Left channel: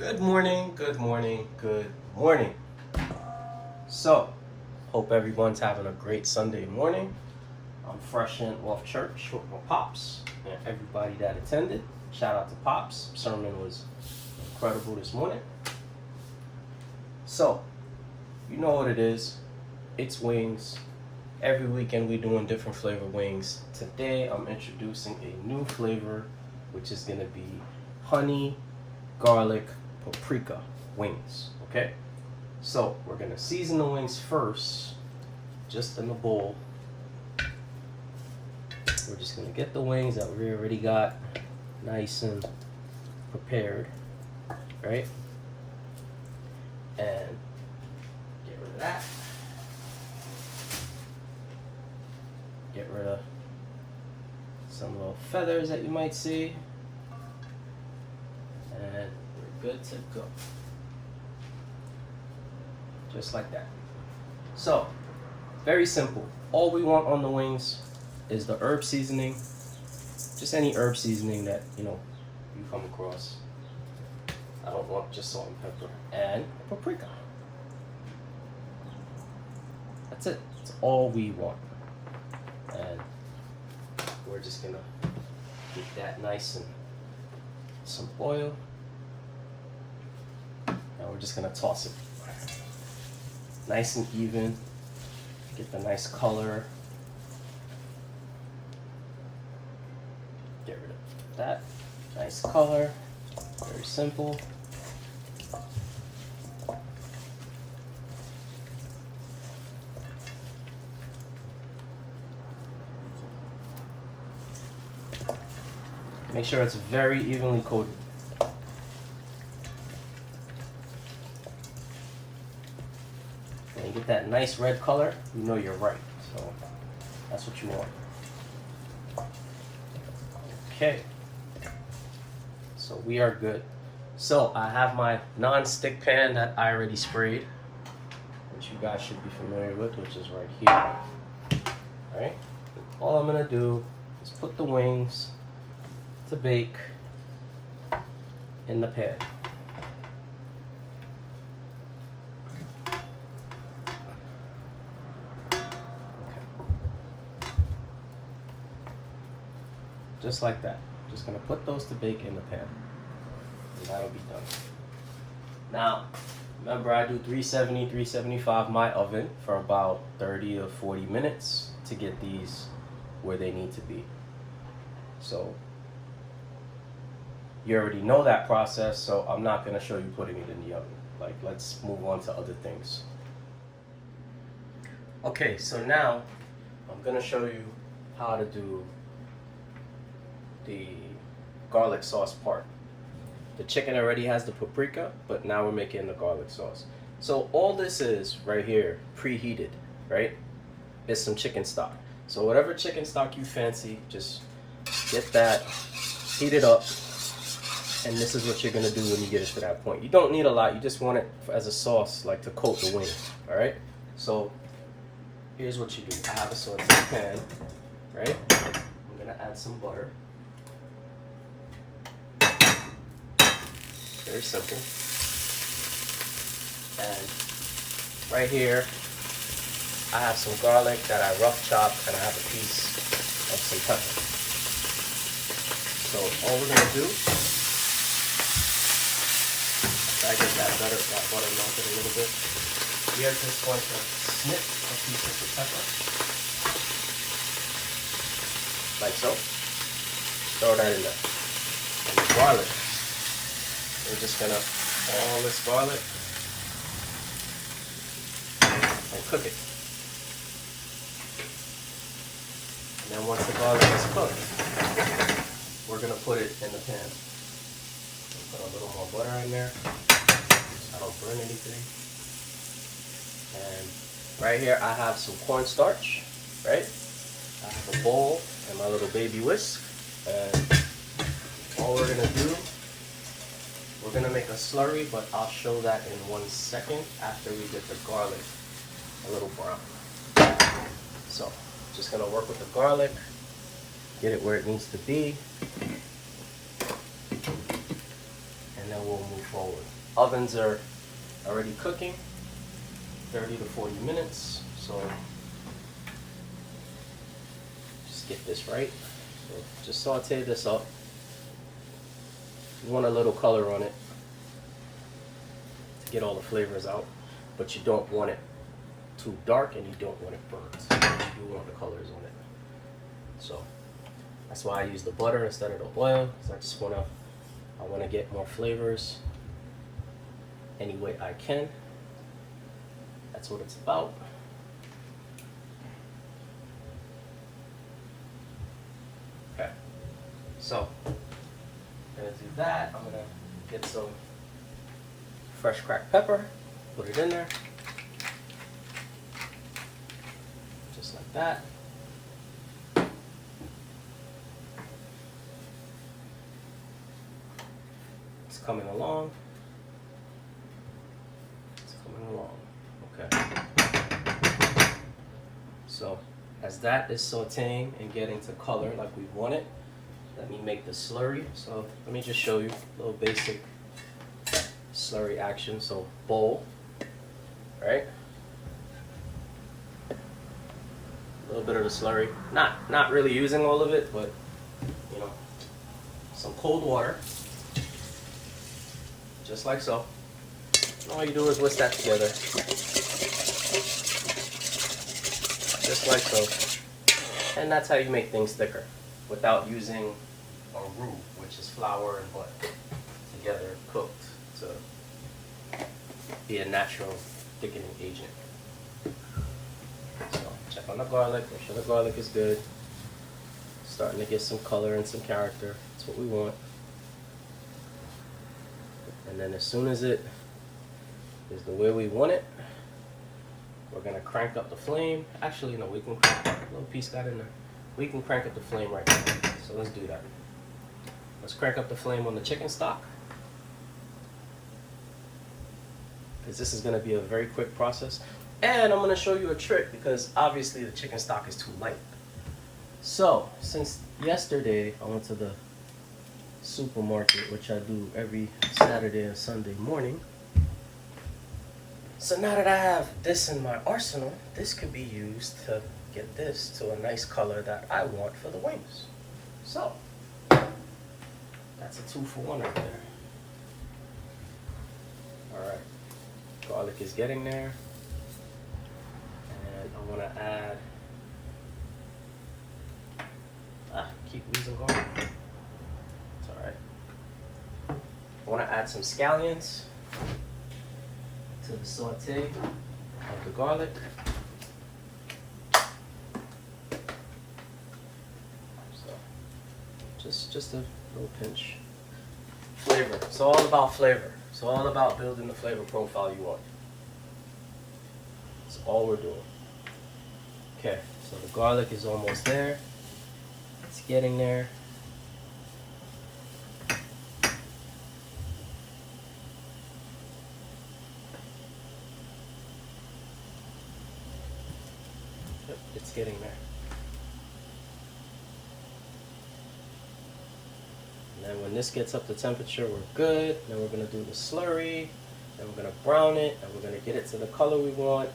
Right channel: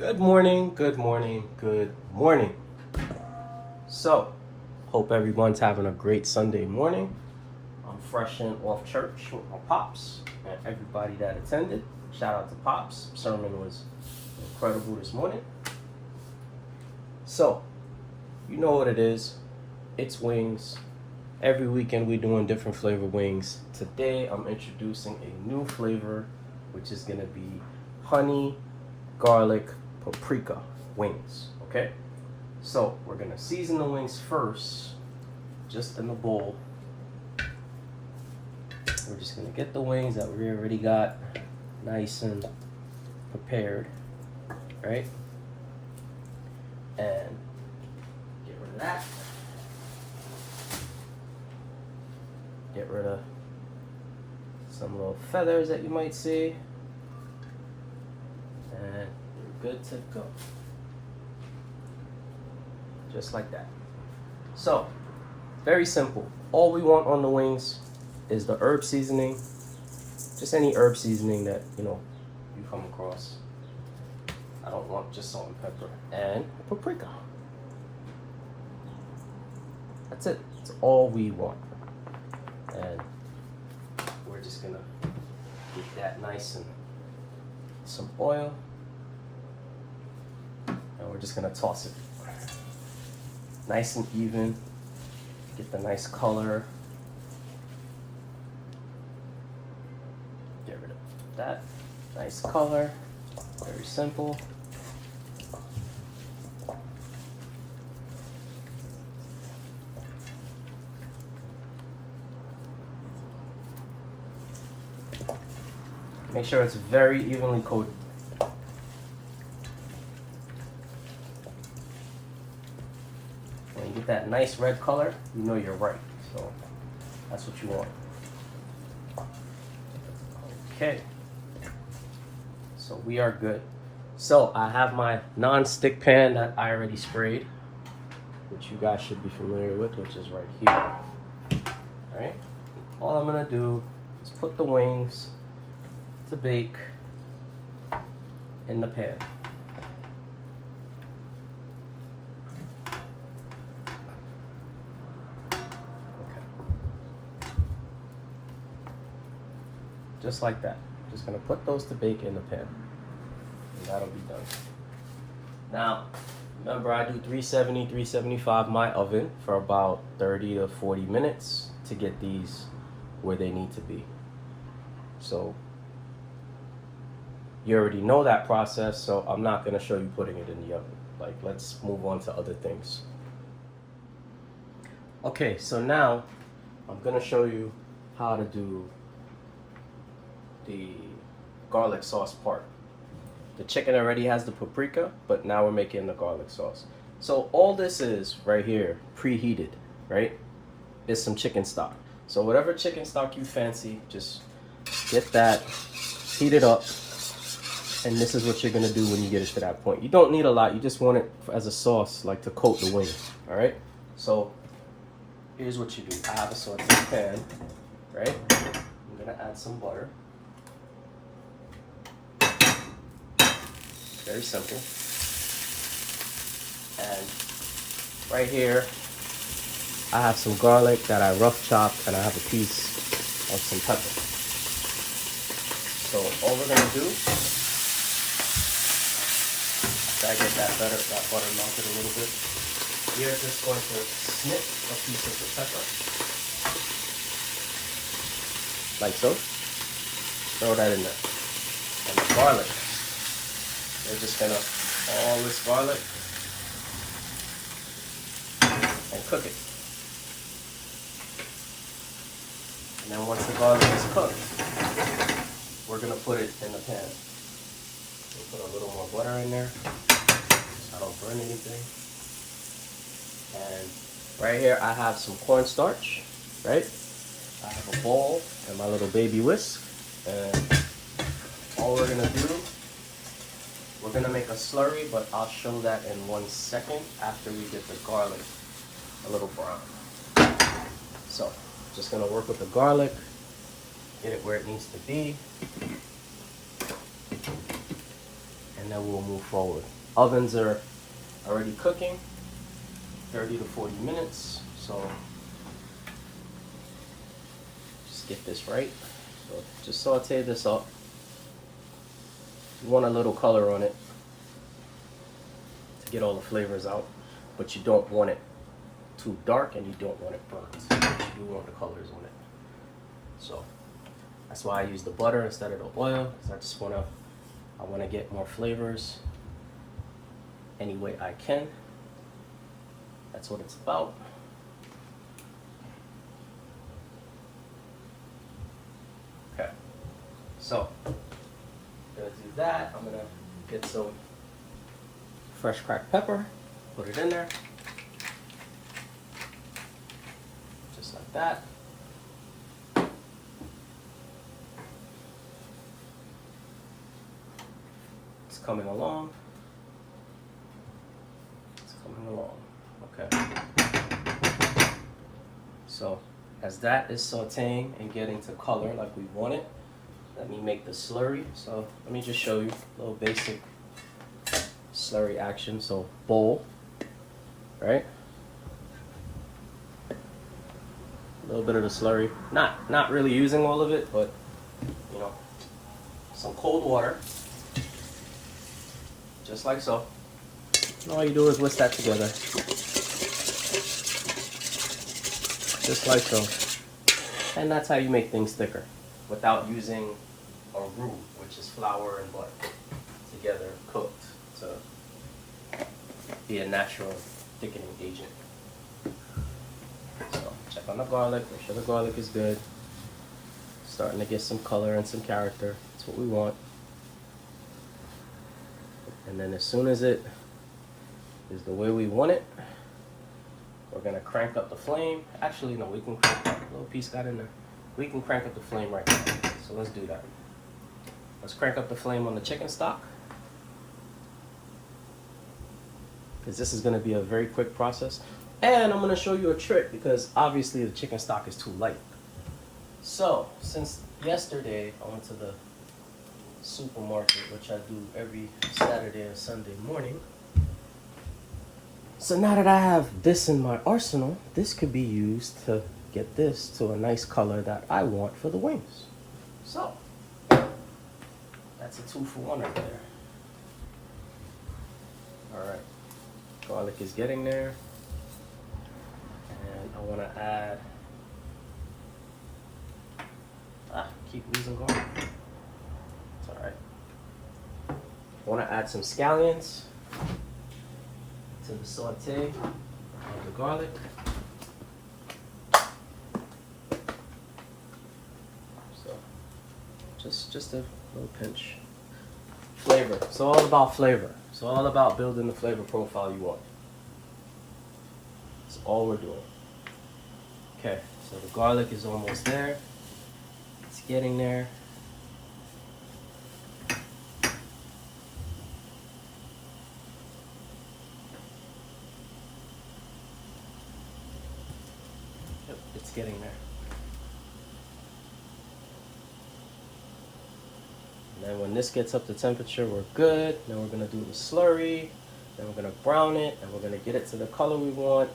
Good morning, good morning, good morning. So, hope everyone's having a great Sunday morning. I'm fresh in off church with my pops and everybody that attended. Shout out to Pops. Sermon was incredible this morning. So, you know what it is. It's wings. Every weekend we're doing different flavor wings. Today I'm introducing a new flavor, which is gonna be honey, garlic, paprika wings. Okay? So we're gonna season the wings first, just in the bowl. We're just gonna get the wings that we already got nice and prepared, right? And get rid of that. Get rid of some little feathers that you might see. And we're good to go. Just like that. So, very simple. All we want on the wings is the herb seasoning. Just any herb seasoning that, you come across. I don't want just salt and pepper. And paprika. That's it. That's all we want. And we're just gonna get that nice and some oil. And we're just gonna toss it. Nice and even. Get the nice color. Get rid of that. Nice color. Very simple. Make sure it's very evenly coated. When you get that nice red color, you know you're right. So that's what you want. Okay. So we are good. So I have my non-stick pan that I already sprayed, which you guys should be familiar with, which is right here. Alright? All I'm gonna do is put the wings to bake in the pan. Okay. Just like that. Just gonna put those to bake in the pan. And that'll be done. Now, remember I do 370, 375 my oven for about 30 to 40 minutes to get these where they need to be. So you already know that process, so I'm not going to show you putting it in the oven. Like, let's move on to other things. Okay, so now I'm going to show you how to do the garlic sauce part. The chicken already has the paprika, but now we're making the garlic sauce. So all this is right here, preheated, right, is some chicken stock. So whatever chicken stock you fancy, just get that, heat it up. And this is what you're gonna do when you get it to that point. You don't need a lot, you just want it as a sauce, like to coat the wings, all right? So here's what you do. I have a sauteing pan, right? I'm gonna add some butter. Very simple. And right here, I have some garlic that I rough chopped, and I have a piece of some pepper. So all we're gonna do, I get that butter melted a little bit. We are just going to snip a piece of the pepper, like so. Throw that in there. And the garlic, we're just gonna all this garlic and cook it. And then once the garlic is cooked, we're gonna put it in the pan. We'll put a little more butter in there. I don't burn anything. And right here I have some cornstarch, right? I have a bowl and my little baby whisk. And all we're gonna do, we're gonna make a slurry, but I'll show that in 1 second after we get the garlic a little brown. So, just gonna work with the garlic, get it where it needs to be. And and then we'll move forward. Ovens are already cooking, 30 to 40 minutes, so just get this right. So just saute this up. You want a little color on it to get all the flavors out, but you don't want it too dark and you don't want it burnt. You want the colors on it. So that's why I use the butter instead of the oil, because I just want to get more flavors any way I can. That's what it's about. Okay, so I'm gonna do that. I'm gonna get some fresh cracked pepper, put it in there, just like that. It's coming along. It's coming along. Okay. So as that is sauteing and getting to color like we want it, let me make the slurry. So let me just show you a little basic slurry action. So bowl, right? A little bit of the slurry. Not really using all of it, but you know, some cold water, just like so. And all you do is whisk that together, just like so. And that's how you make things thicker, without using a roux, which is flour and butter together cooked to be a natural thickening agent. So check on the garlic, make sure the garlic is good. Starting to get some color and some character. That's what we want. And then as soon as it is the way we want it, we're gonna crank up the flame. Actually, no, we can crank up. A little piece got in there. We can crank up the flame right now. So let's do that. Let's crank up the flame on the chicken stock, because this is gonna be a very quick process. And I'm gonna show you a trick, because obviously the chicken stock is too light. So since yesterday I went to the supermarket, which I do every Saturday and Sunday morning. So now that I have this in my arsenal, this could be used to get this to a nice color that I want for the wings. So that's a 2-for-1 right there. Alright, garlic is getting there. And I want to add, keep losing garlic. It's alright. I want to add some scallions to the saute of the garlic. So just a little pinch. Flavor. It's all about flavor. It's all about building the flavor profile you want. That's all we're doing. Okay, so the garlic is almost there. It's getting there. Yep, it's getting there. And then when this gets up to temperature, we're good. Then we're gonna do the slurry. Then we're gonna brown it, and we're gonna get it to the color we want.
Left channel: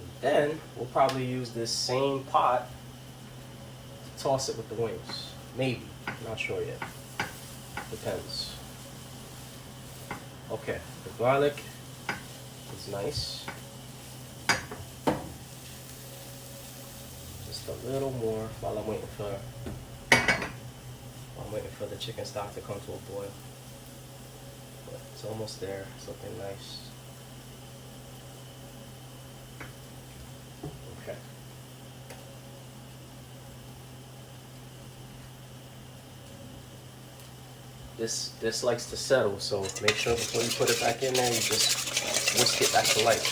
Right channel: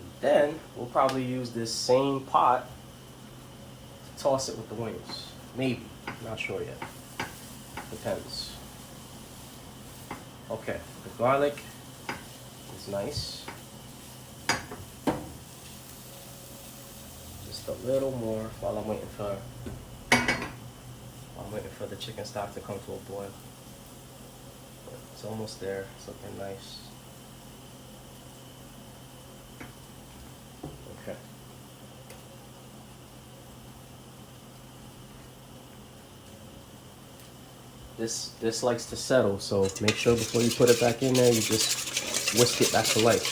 And then we'll probably use this same pot to toss it with the wings. Maybe, not sure yet. Depends. Okay, the garlic is nice. Just a little more while I'm waiting for the chicken stock to come to a boil. But it's almost there. It's looking nice. Okay. This likes to settle, so make sure before you put it back in there, you just whisk it back to light.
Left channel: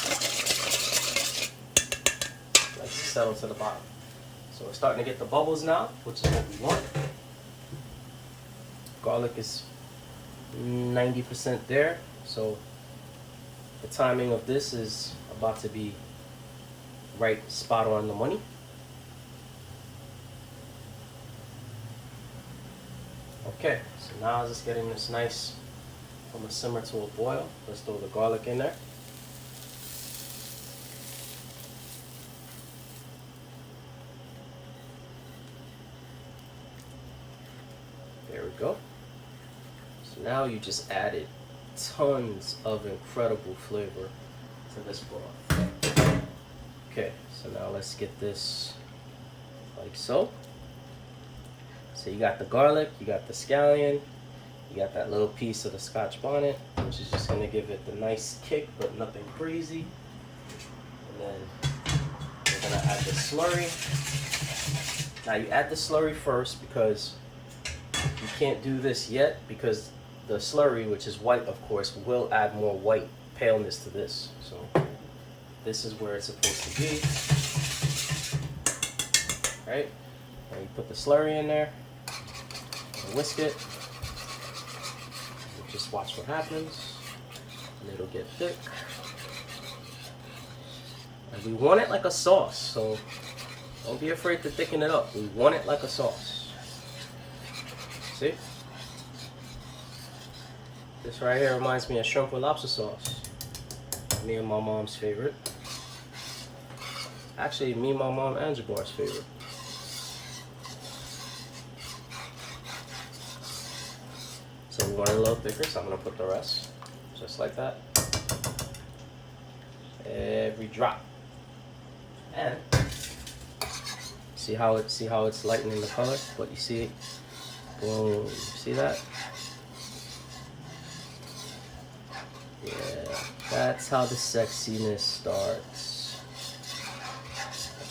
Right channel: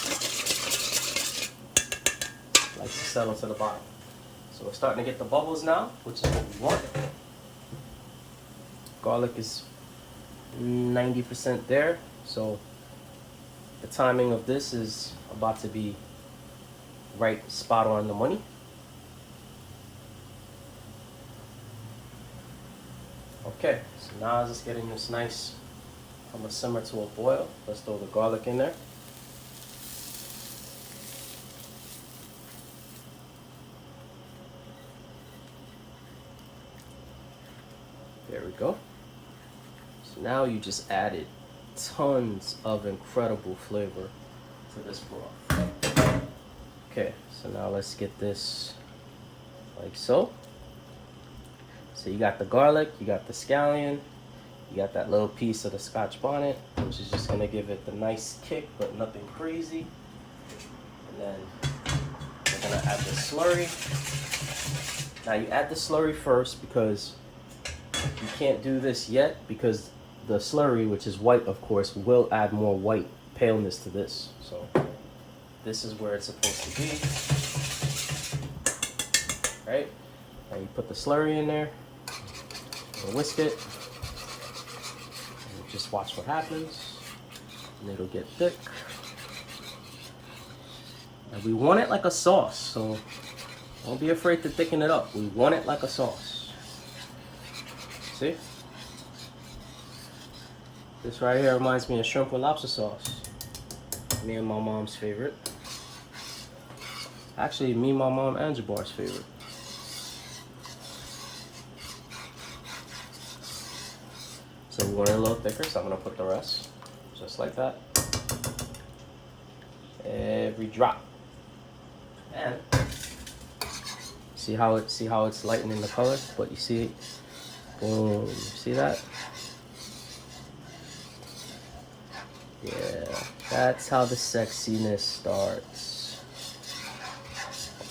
It likes to settle to the bottom. So we're starting to get the bubbles now, which is what we want. Garlic is 90% there, so the timing of this is about to be right spot on the money. Okay, so now it's just getting this nice I'm gonna simmer to a boil. Let's throw the garlic in there. There we go. So now you just added tons of incredible flavor to this broth. Okay, so now let's get this like so. So you got the garlic, you got the scallion, you got that little piece of the Scotch bonnet, which is just gonna give it the nice kick, but nothing crazy. And then we're gonna add the slurry. Now you add the slurry first because you can't do this yet because the slurry, which is white of course, will add more white paleness to this. So this is where it's supposed to be. Right? Now you put the slurry in there, and whisk it, and just watch what happens, and it'll get thick. And we want it like a sauce, so don't be afraid to thicken it up. We want it like a sauce. See? This right here reminds me of shrimp with lobster sauce. Me and my mom's favorite. Actually, me, my mom, and Jabbar's favorite. So we want it a little thicker, so I'm gonna put the rest, just like that. Every drop. And see how it's lightening the color? But you see, boom, see that? Yeah, that's how the sexiness starts.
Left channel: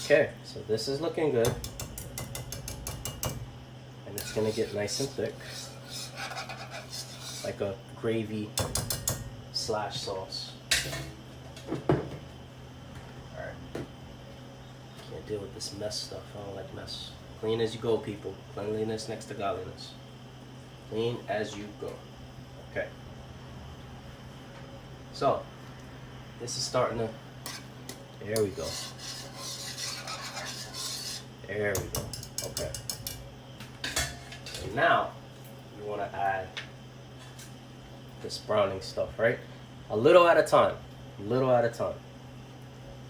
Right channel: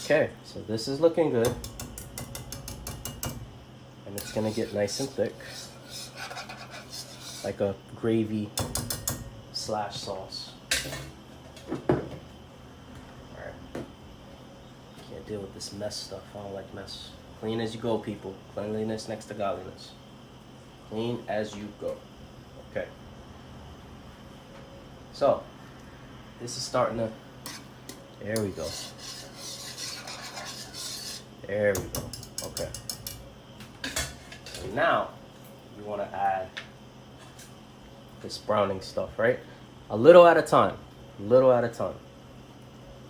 Okay, so this is looking good. And it's gonna get nice and thick. Like a gravy / sauce. Alright. Can't deal with this mess stuff. I don't like mess. Clean as you go, people. Cleanliness next to godliness. Clean as you go. Okay. So, this is starting to, there we go. There we go. Okay. So now, you want to add this browning stuff, right? A little at a time. A little at a time.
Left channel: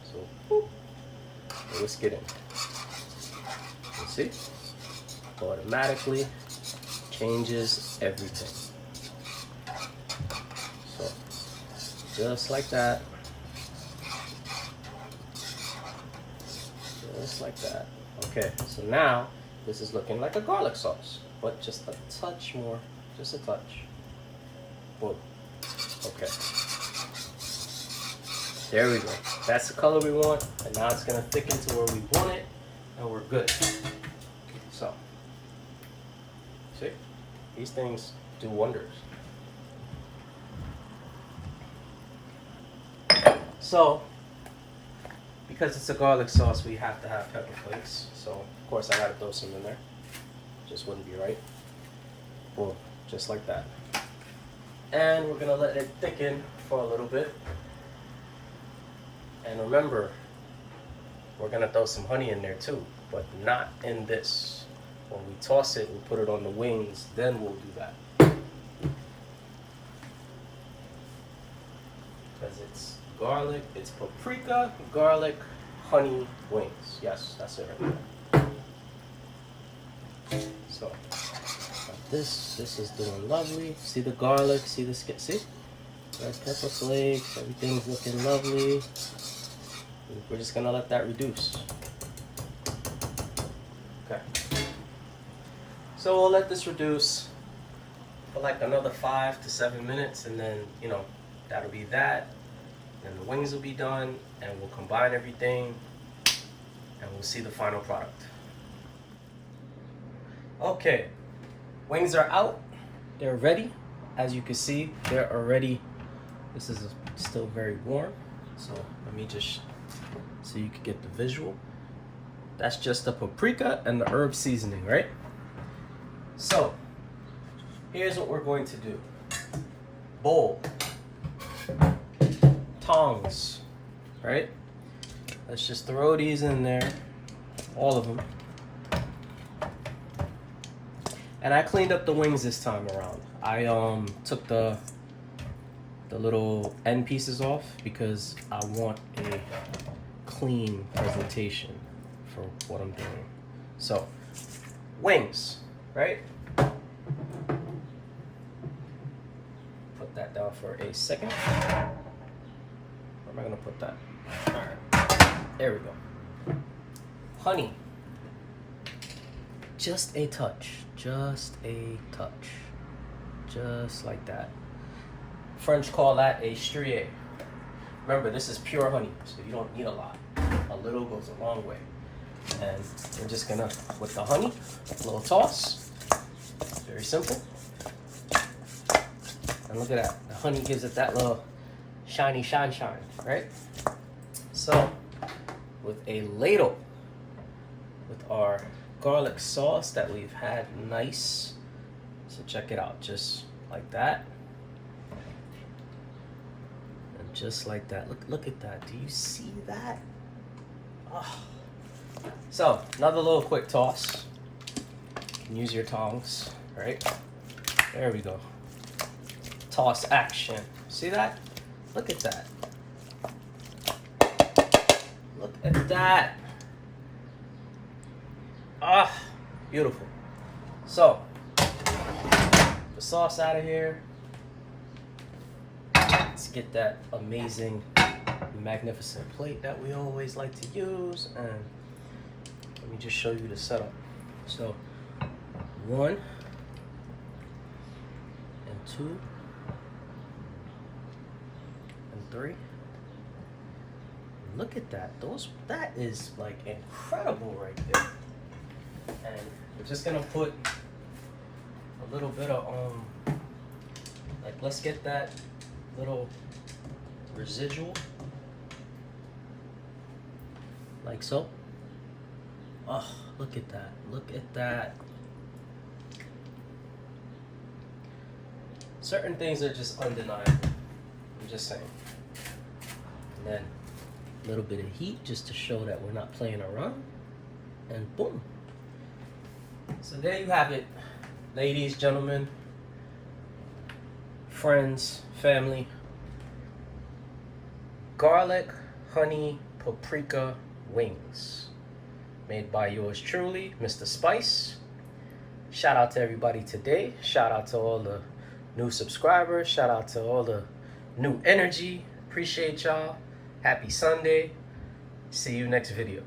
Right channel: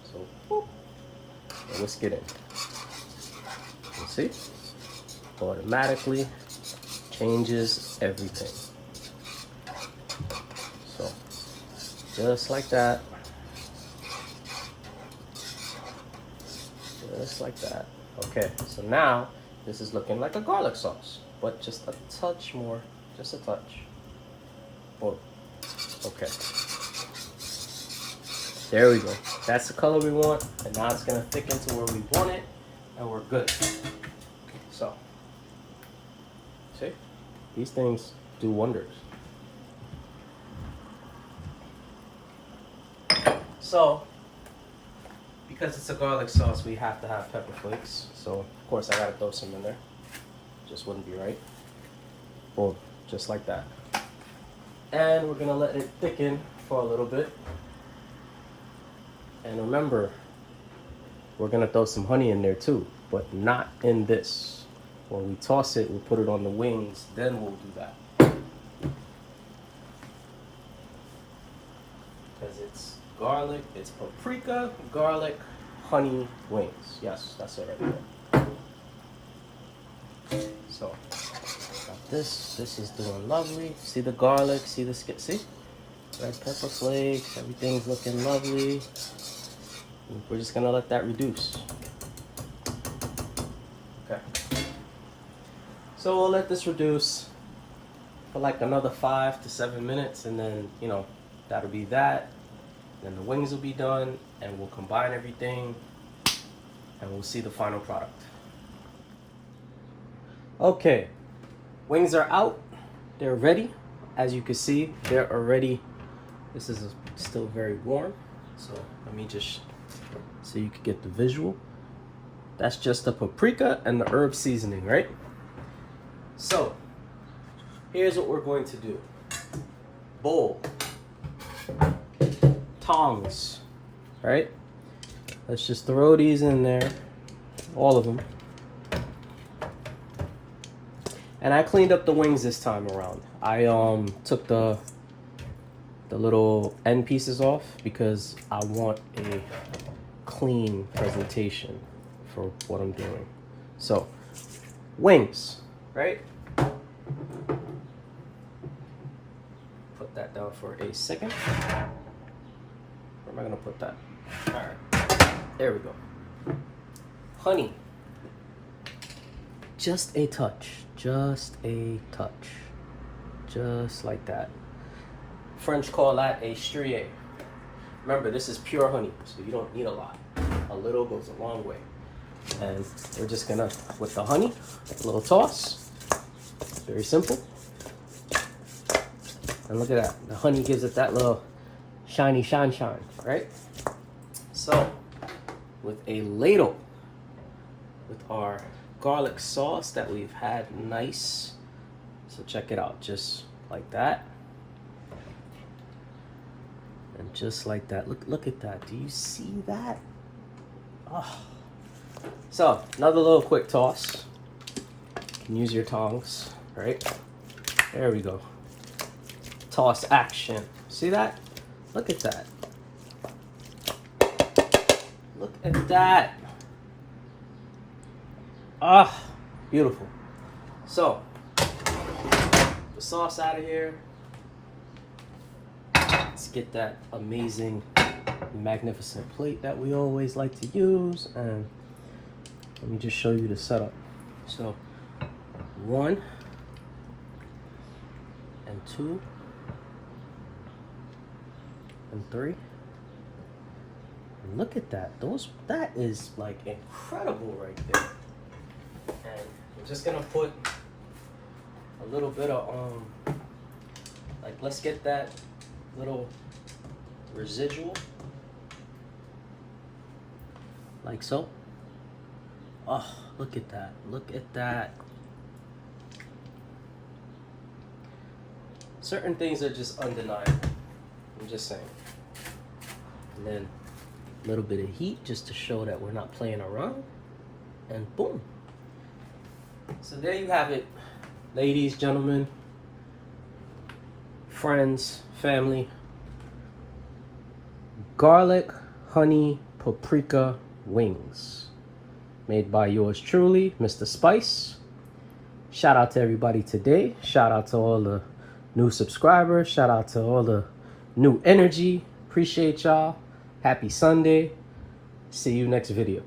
So, whoop, and whisk it in. You see? Automatically changes everything. So, just like that. Just like that. Okay, so now this is looking like a garlic sauce, but just a touch more, just a touch. Boom. Okay. There we go. That's the color we want, and now it's gonna thicken to where we want it, and we're good. So, see, these things do wonders. So, because it's a garlic sauce, we have to have pepper flakes. So, of course, I gotta throw some in there. Just wouldn't be right. Boom, just like that. And we're gonna let it thicken for a little bit. And remember, we're gonna throw some honey in there too, but not in this. When we toss it, we put it on the wings, then we'll do that. Because it's garlic, it's paprika, garlic, honey, wings. Yes, that's it right there. So, got this is doing lovely. See the garlic, see the skin, see? Red pepper flakes, everything's looking lovely. We're just gonna let that reduce. Okay. So we'll let this reduce for like another 5 to 7 minutes, and then, you know, that'll be that. Then the wings will be done, and we'll combine everything, and we'll see the final product. Okay, wings are out. They're ready. As you can see, they're already, this is still very warm. So let me just, so you can get the visual. That's just the paprika and the herb seasoning, right? So, here's what we're going to do. Bowl. Tongs, right? Let's just throw these in there, all of them. And I cleaned up the wings this time around. I took the the little end pieces off because I want a clean presentation for what I'm doing. So, wings, right? Put that down for a second. Where am I gonna put that? All right, there we go. Honey, just a touch, just like that. French call that a strié. Remember, this is pure honey, so you don't need a lot. A little goes a long way. And we're just gonna, with the honey, a little toss. Very simple. And look at that. The honey gives it that little shiny shine, right? So, with a ladle, with our garlic sauce that we've had nice. So check it out, just like that. And just like that. Look at that. Do you see that? Oh. So, another little quick toss. You can use your tongs, right? There we go. Toss action. See that? Look at that. Look at that. Ah, beautiful. So, the sauce out of here. Let's get that amazing, magnificent plate that we always like to use, and let me just show you the setup. So, 1 and 2 and 3. And look at that. That is like incredible right there. And we're just gonna put a little bit of like, let's get that little residual like so. Oh, look at that. Look at that. Certain things are just undeniable. I'm just saying. And then a little bit of heat just to show that we're not playing around. And boom. So there you have it, ladies, gentlemen, friends, family. Garlic, honey, paprika wings. Made by yours truly, Mr. Spice. Shout out to everybody today. Shout out to all the new subscribers. Shout out to all the new energy. Appreciate y'all. Happy Sunday. See you next video.